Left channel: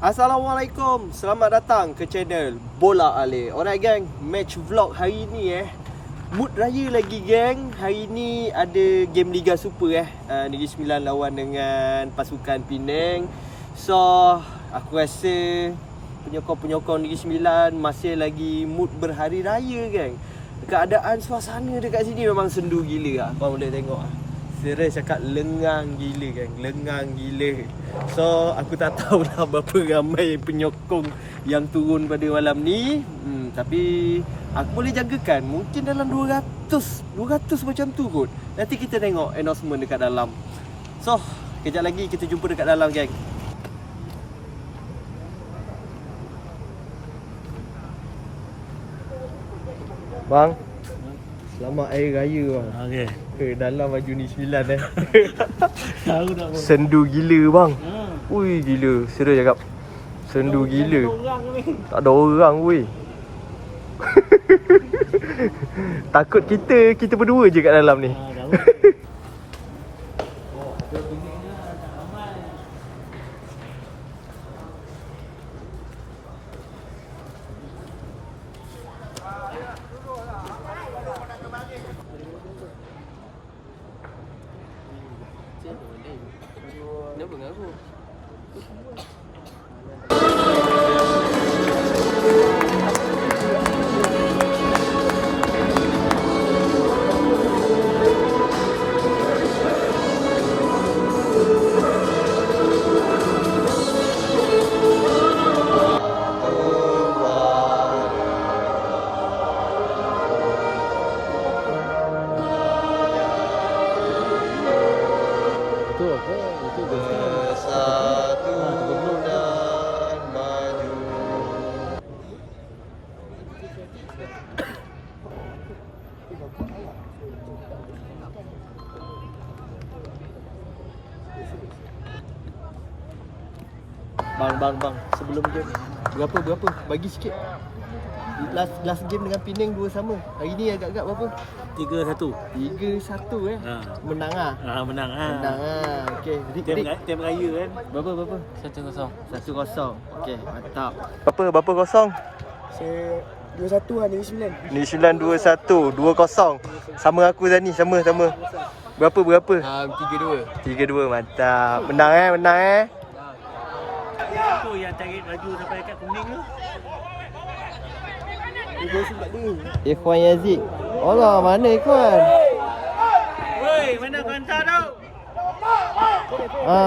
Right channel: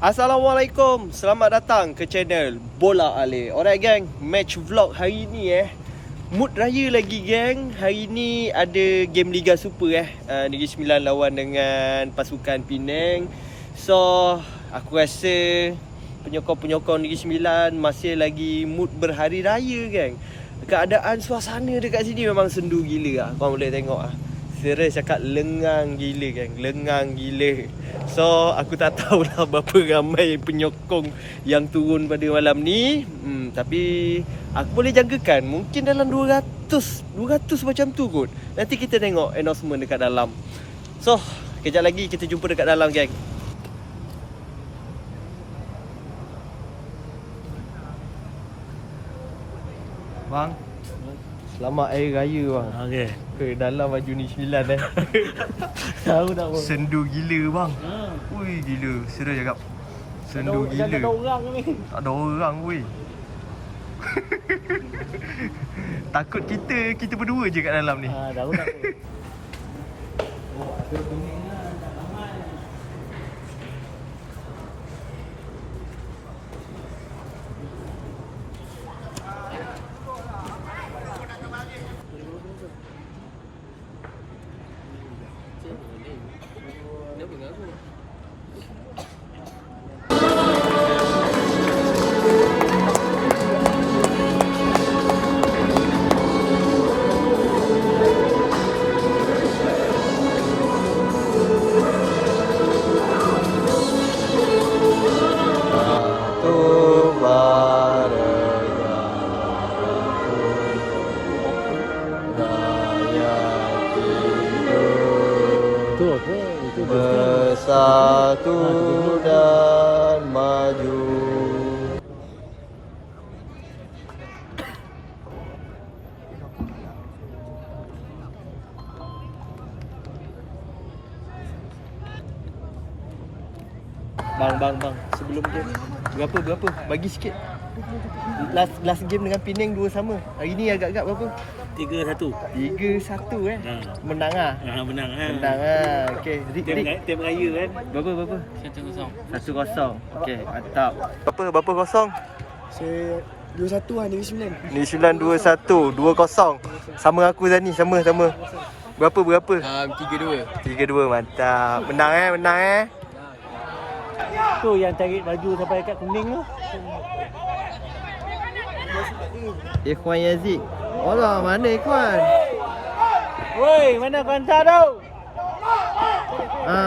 Assalamualaikum. Selamat datang ke channel Bola Ale Alright gang. Match vlog hari ni eh. Mood raya lagi gang. Hari ni ada game Liga Super eh. Uh, Negeri Sembilan lawan dengan pasukan Penang. So Aku rasa Penyokong-penyokong Negeri Sembilan Masih lagi mood berhari raya gang. Keadaan suasana dekat sini memang sendu gila lah Korang boleh tengok lah Serius cakap lengang gila kan Lengang gila. So aku tak tahulah berapa ramai penyokong yang turun pada malam ni. Hmm, Tapi aku boleh jangkakan mungkin dalam 200 200 macam tu kot. Nanti kita tengok announcement dekat dalam. So kejap lagi kita jumpa dekat dalam geng. Bang Selamat Hari Raya bang Okey. Ke dalam baju ni sembilan eh Tahu tak apa. Sendu gila bang Ha. Ui gila Serius cakap Sendu Tak gila ada orang ni. Tak ada orang weh Takut kita Kita berdua je kat dalam ni Ha, tahu tak. Oh, ada kuning lah, tak ramai. Tu hidup Tu apa? Itu Bersatu dan maju Bang, bang, bang. Sebelum game. Berapa, berapa? Bagi sikit. Last last game dengan Penang dua sama. Hari ni agak-agak berapa? Tiga satu. 3-1 eh. Ha. Menang ah. Ha, menang ha. Menang ah. Okey. Rik, Rik. tim raya kan. Berapa, berapa? Satu kosong. Satu kosong. Okey, mantap. Berapa, berapa kosong? Saya 2-1 lah Negeri Sembilan New Zealand 2-1, 2-0. Sama aku Zani, sama sama. Berapa berapa? um, 3-2 3-2 mantap. Menang eh, menang eh. Tu yang tarik baju sampai dekat kuning tu. Ikhwan Yazid. Allah, mana Ikhwan? Woi, mana kanta tu? Ha.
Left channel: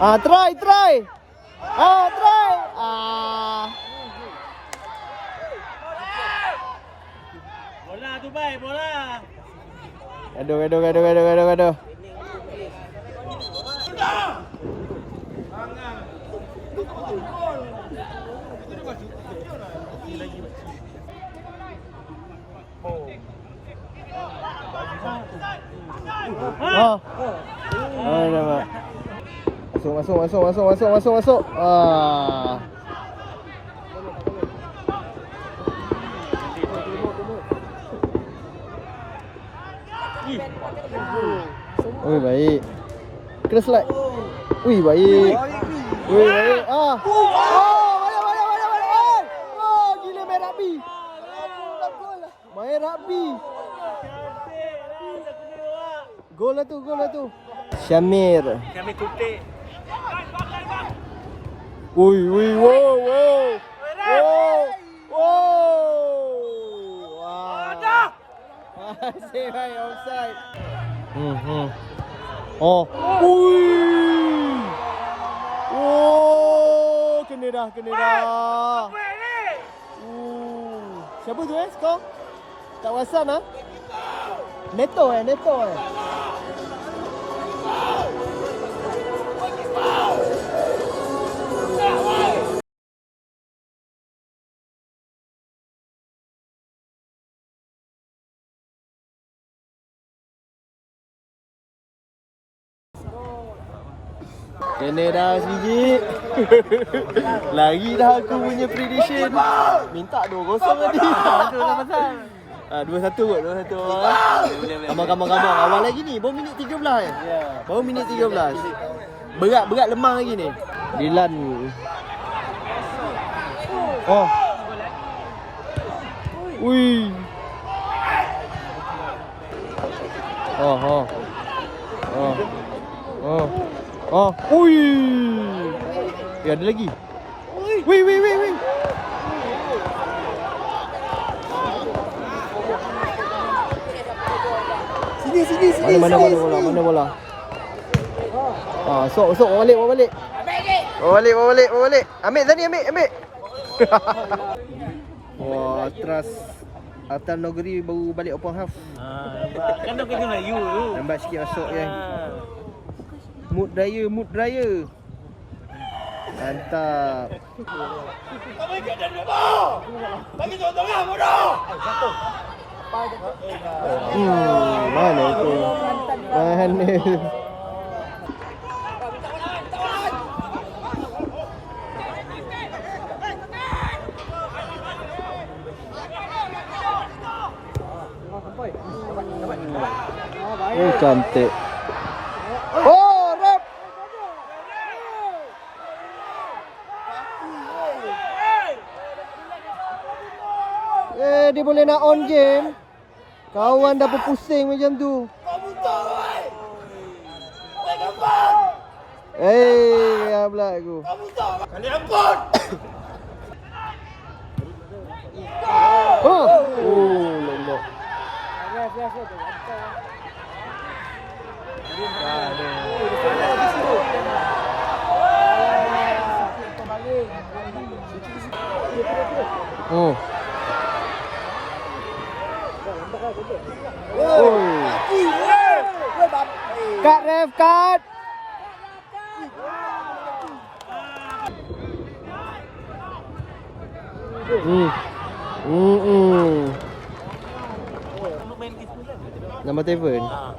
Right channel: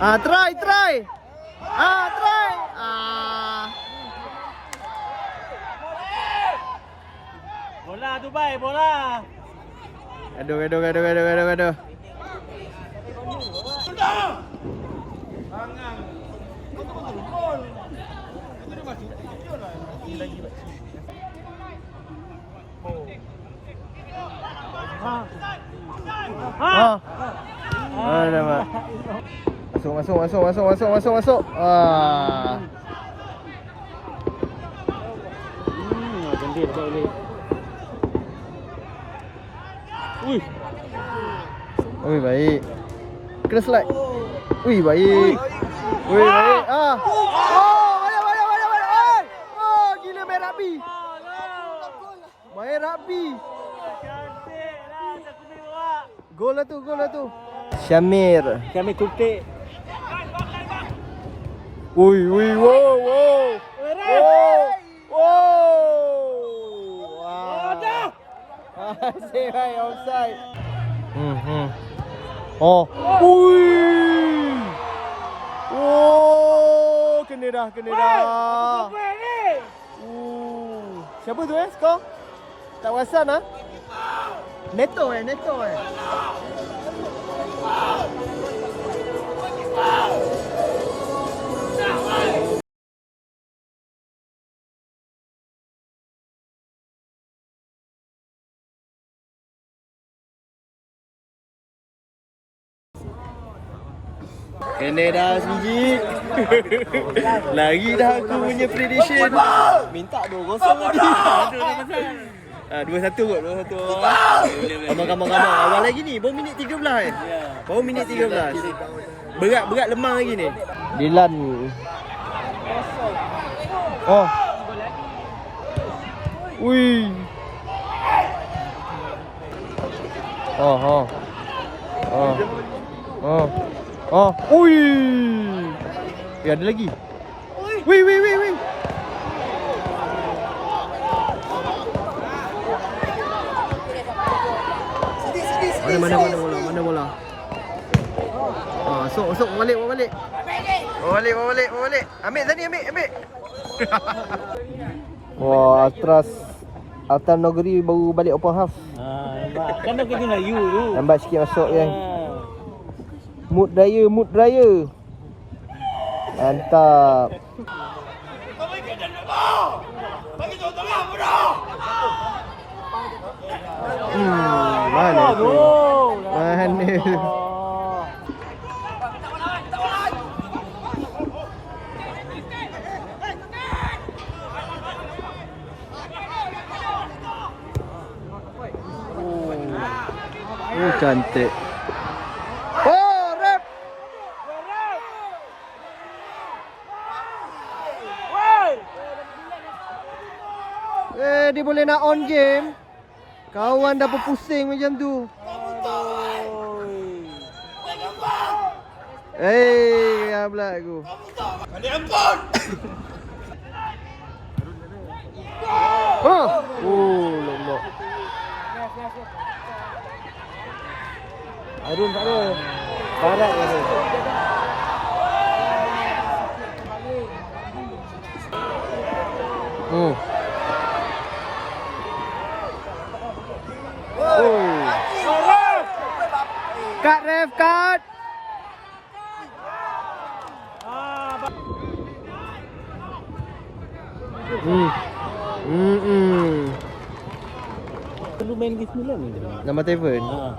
Ah, try, try. Ah, try. Ah. Bola tu baik, bola. Gaduh, gaduh, gaduh, gaduh, gaduh, gaduh. Ha. Oh. Oh. Masuk, masuk, masuk, masuk, masuk, masuk, masuk. Ah. Ui, baik. Kena slide. Ui, baik. Ui, baik. Ah. Oh, Main rugby. cantik lah tak kuning awak. Gol lah tu, gol lah tu. Syamir. Kami kutik. Ui, ui, wow, wow. Wow. Wow. Wah. Asyik baik offside. Hmm, hmm. Oh. Ui. Oh, kena dah, kena dah. Uh. Siapa tu eh skor? Tak perasan ah? Neto eh, Neto eh. Kena dah sebiji Lagi dah aku punya prediction Minta 2-0 tadi Ah, 2-1 kot, 2-1 awal eh. Kamang-kamang-kamang. Awal lagi ni, baru minit 13 eh. Baru minit 13. Berat-berat lemah lagi ni. Dilan. Oh. Ui. Oh, oh. Oh. Oh. Oh. Ui. Ya, ada lagi. Wih, wih, wih, wih. Sini, sini, sini. Mana mana mana bola? Mana bola? Ah, sok sok balik, bawa balik. Bawa balik, bawa balik, bawa balik. Ambil tadi, ambil, ambil. Wah, Atras Altan Nogri baru balik open half. Ah, nampak. Kan dah kena you tu. Lambat sikit masuk kan. Mood raya, mood raya. Mantap. Hmm, mana tu? Mana? Oh, cantik. Oh. Eh, dia boleh nak on game. Kawan dah berpusing macam tu. Eh, ya pula aku. Kali ampun. oh, oh, lombok. Oh. Oh. Cut ref cut. Hmm. Hmm. hmm. Perlu main ke 9 ke tadi? Nama Tevin. Ah.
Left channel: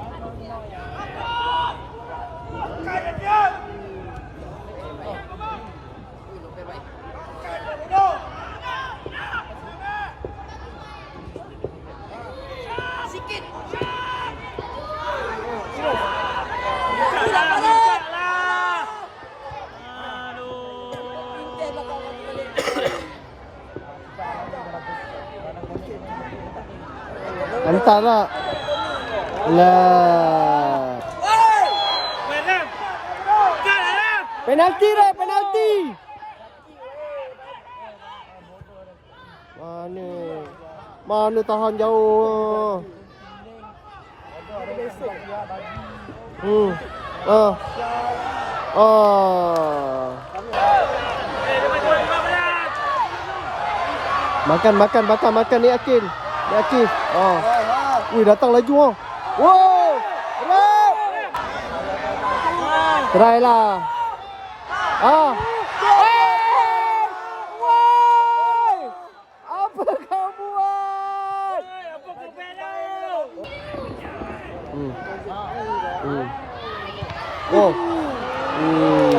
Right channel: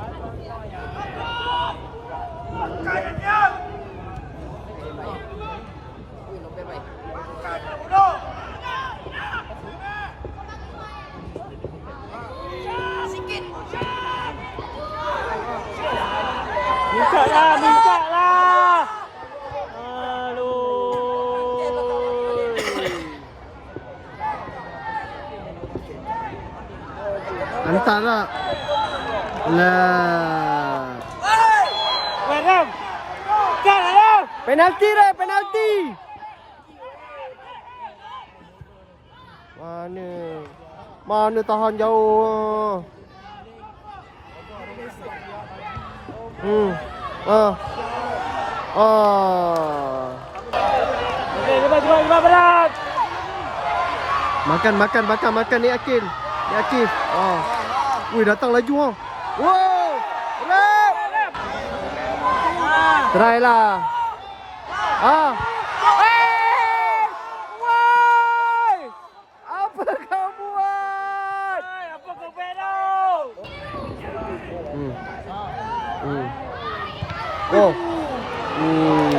Minta lah, minta lah. Aduh. Lah. Adam. Kan. Penalti dah, penalti. Mana? Mana tahan jauh. Hmm. Ah. Ah. Makan, makan, makan, makan ni Akil. Ni Akil. Oh. Ui, datang laju oh. Wow! Rap! Try lah. Ah. Eh! Woi! Apa kau buat? Oi, apa kau buat tau? Hmm. Hmm. Oh. Hmm.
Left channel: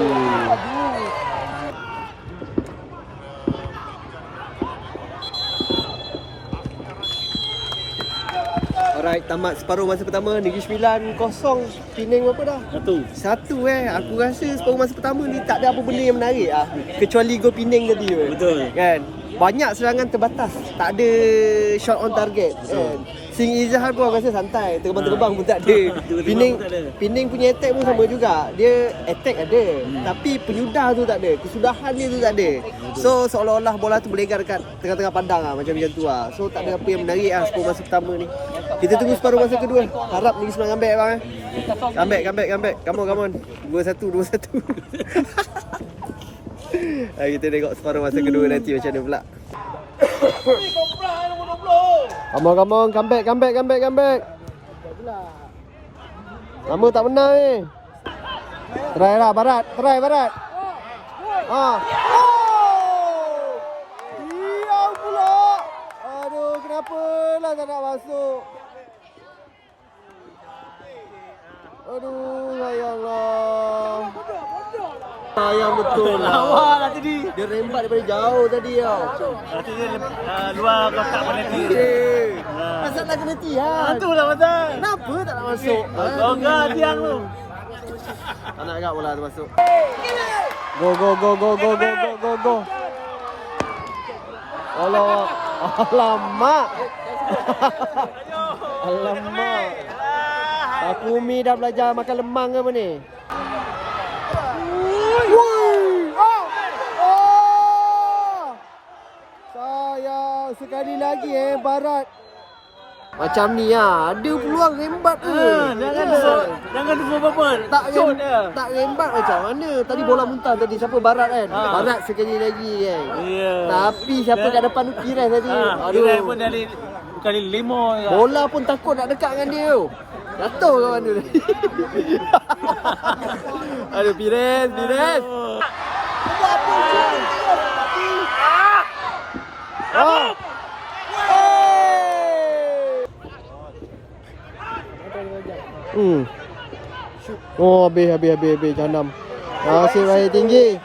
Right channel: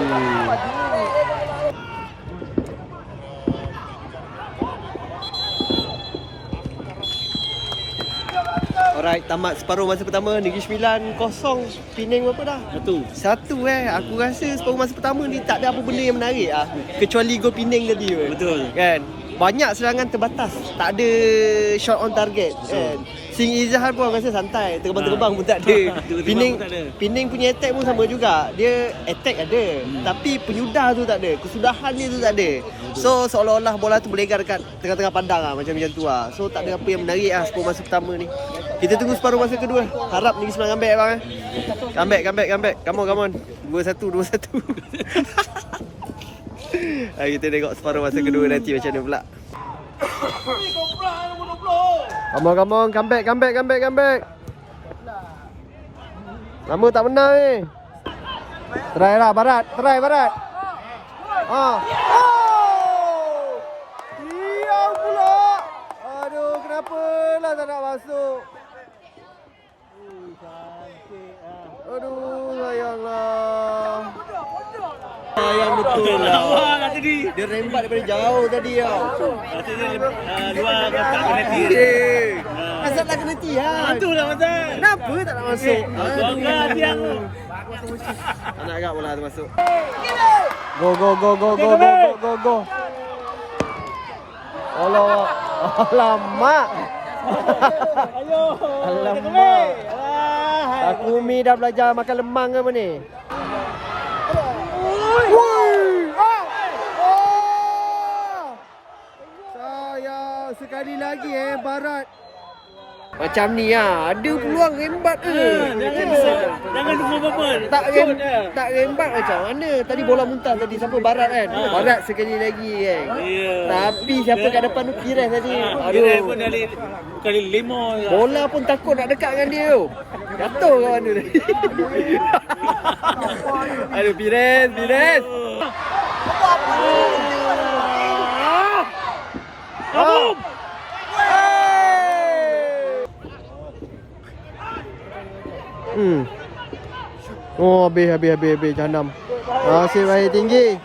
Tamat separuh masa pertama Negeri Sembilan kosong Penang berapa dah? Satu. Satu eh Aku rasa separuh masa pertama ni Tak ada apa benda yang menarik ah. Kecuali gol Penang tadi. Betul. Kan banyak serangan terbatas. Tak ada shot on target. Kan? Sing Izhar pun rasa santai. Terbang-terbang pun tak ada. Pining Pining punya attack pun sama juga. Dia attack ada. Hmm. tapi penyudah tu tak ada. Kesudahan dia tu tak ada. So seolah-olah bola tu berlegar dekat tengah-tengah padang lah macam macam tu lah. So tak ada apa yang menarik lah sepuluh masa pertama ni. Kita tunggu separuh masa kedua. Harap ni semua ambil bang eh. Come back come come on come on. 2-1 2-1 Ha, kita tengok separuh masa kedua nanti macam mana pula. Come on, come on. Come back, come back, come back, come back. Lama tak menang ni. Eh. Try lah, Barat. Try, Barat. Ha. Oh! Diam pula. Aduh, kenapa lah tak nak masuk. Aduh, sayanglah. Sayang betul lah nanti tadi. Dia rembat daripada jauh tadi tau. Lepas tu dia uh, luar kotak penalti. Eh. Ah. Asal nak kena tiang. Itu lah pasal. Kenapa tak nak masuk? Kau kan tiang tu. Tak nak agak bola tu masuk. Go go go go go go go go go. Allah. Alamak. Alamak. Takumi dah belajar makan lemang ke apa ni? Wui! Ah! Oh! Sekali lagi eh Barat. Macam ni ah, ada peluang rembat ke? Jangan jangan tunggu apa-apa. tak rem, tak rembat macam mana? Tadi bola muntah tadi siapa Barat kan? Ha. Barat sekali lagi kan. Ya. Tapi siapa kat depan tu Pires tadi. Ha, Aduh. pun Aduh. dari kali lima je. Bola pun takut nak dekat dengan dia tu. Jatuh kawan tu. Aduh Pires, Pires. Oh. Hmm. Oh, habis, habis, habis, habis. Jahanam. Nasib baik tinggi.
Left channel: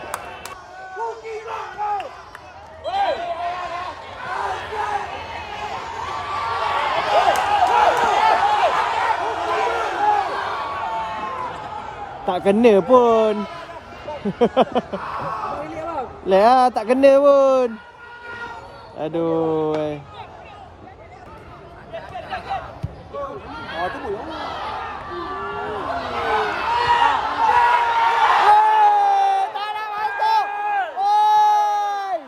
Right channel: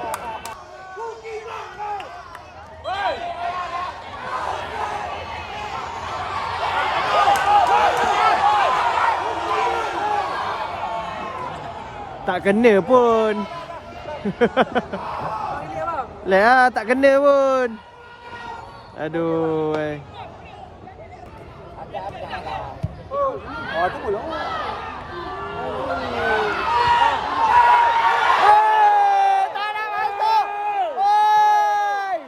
Tak kena pun. Lek ah, tak kena pun. Aduh. Eh. Ah, tu bola. Eh, tak nak masuk. Oi!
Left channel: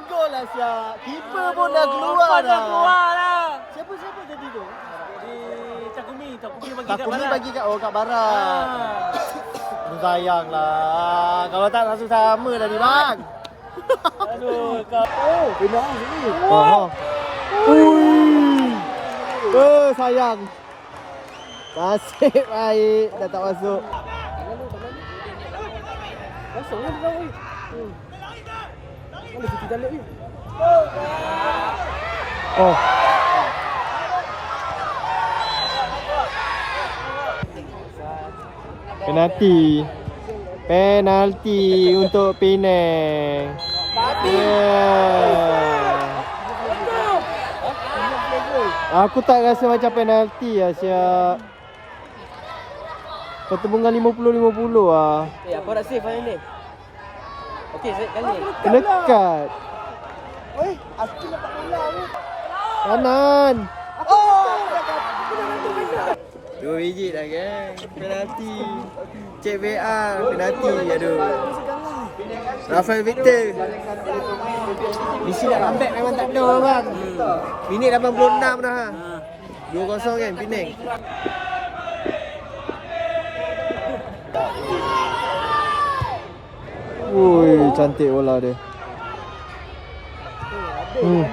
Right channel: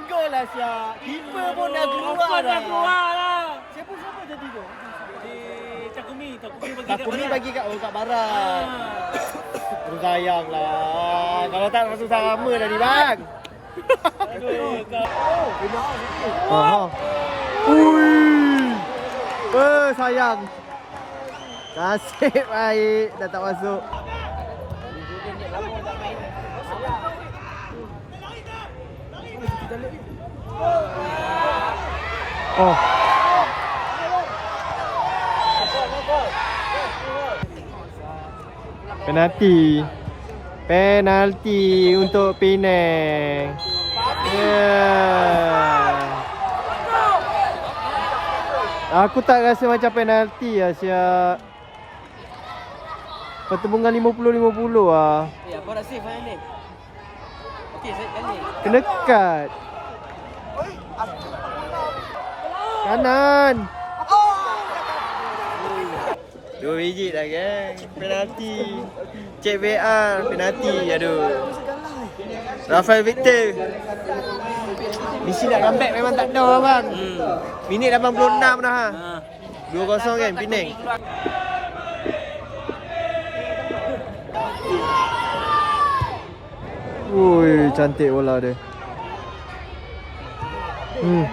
Open goal lah Syak. Keeper pun dah keluar dah. Siapa siapa jadi tu? Takumi, Takumi bagi Takumi kat bagi kat oh kat barat. Ah. Aduh sayang lah. Kalau tak langsung sama tadi bang. Aduh, kau. Oh, oh. Ui. Eh, sayang. Nasib baik dah tak masuk. Oh. Penalti. Penalti untuk Penang. Yeah. Aku tak rasa macam penalti lah siap. Pertembungan 50-50 lah. Eh, apa nak save ni? Cut. Kanan. Dua biji dah geng. Penalti. Cek VR. Penalti. Aduh. Rafael Victor. Misi nak comeback memang tak ada bang. Minit 86 dah. Ha. 2-0 kan Penang. Woi, cantik bola dia. Hmm.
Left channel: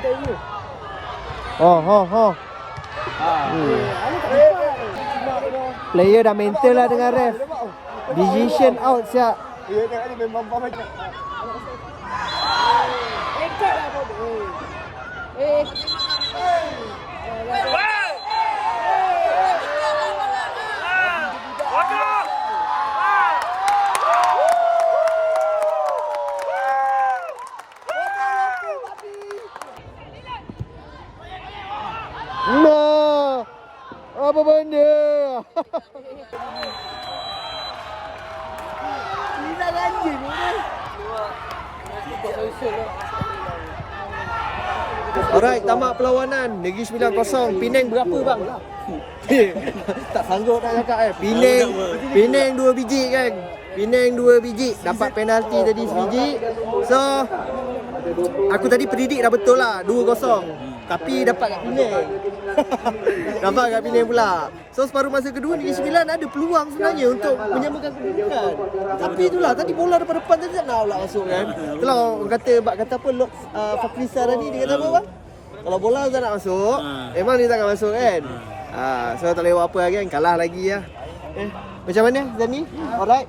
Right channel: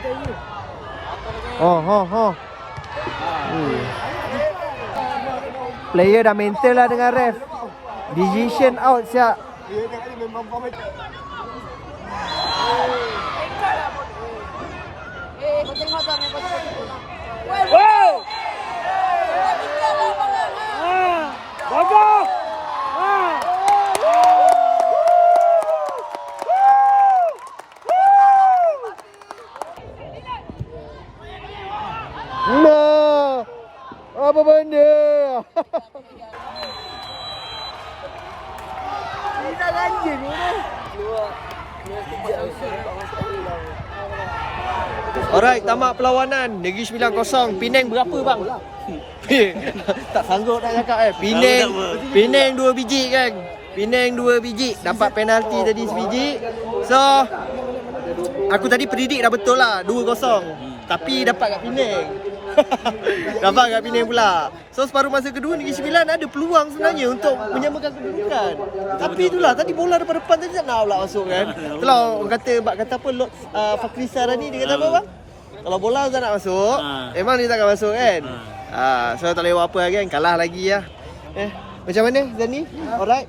Oh, oh, oh. Hmm. Player dah mental lah dengan ref. Decision out siap. No. Apa benda? Ini dah anjing ni. Alright, tamat perlawanan. Negeri Sembilan kosong. Penang berapa bang? tak sanggup nak cakap eh. Penang, Penang dua biji kan. Penang dua biji. Dapat penalti tadi sebiji. So, aku tadi predict dah betul lah. Dua kosong. Tapi dapat kat Penang. dapat kat Penang pula. So, separuh masa kedua Negeri Sembilan ada peluang sebenarnya untuk menyamakan kedudukan. Tapi itulah, tadi bola depan-depan tadi tak nak pula masuk kan. Itulah orang kata, bak kata apa, Lok uh, Fakrisa tadi, dia kata apa bang? Kalau bola tak nak masuk, Ha. memang dia tak akan masuk kan. Ah, so tak boleh buat apa lagi kan, kalah lagi lah. Eh, macam mana Zani? Alright?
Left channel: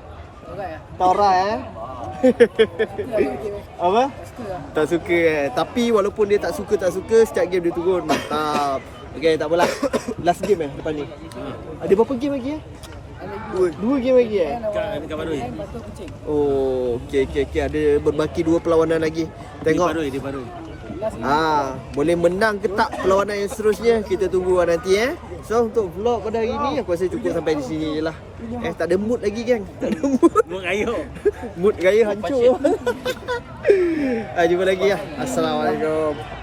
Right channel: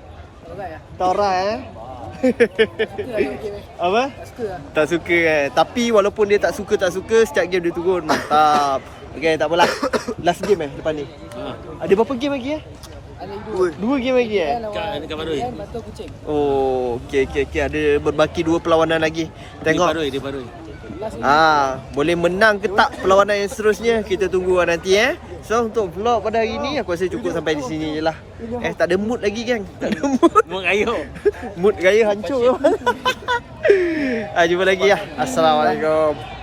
Tak alright eh? apa? Tak suka eh. Tapi walaupun dia tak suka tak suka, setiap game dia turun. Mantap. Okay, tak apalah. Last game eh depan ni. Ada berapa game lagi eh? Ada Dua, dua game lagi eh? Kat dekat Barui. Batu kucing. Oh, okey okey okey ada berbaki dua perlawanan lagi. Tengok. Di Barui, di Barui. Ah, boleh menang ke tak perlawanan yang seterusnya? Kita tunggu nanti eh. So untuk vlog pada hari ni aku rasa cukup sampai di sini je lah. Eh tak ada mood lagi geng. Tak ada mood. Mau kayu. mood gaya hancur. ah, jumpa lagi lah. Assalamualaikum.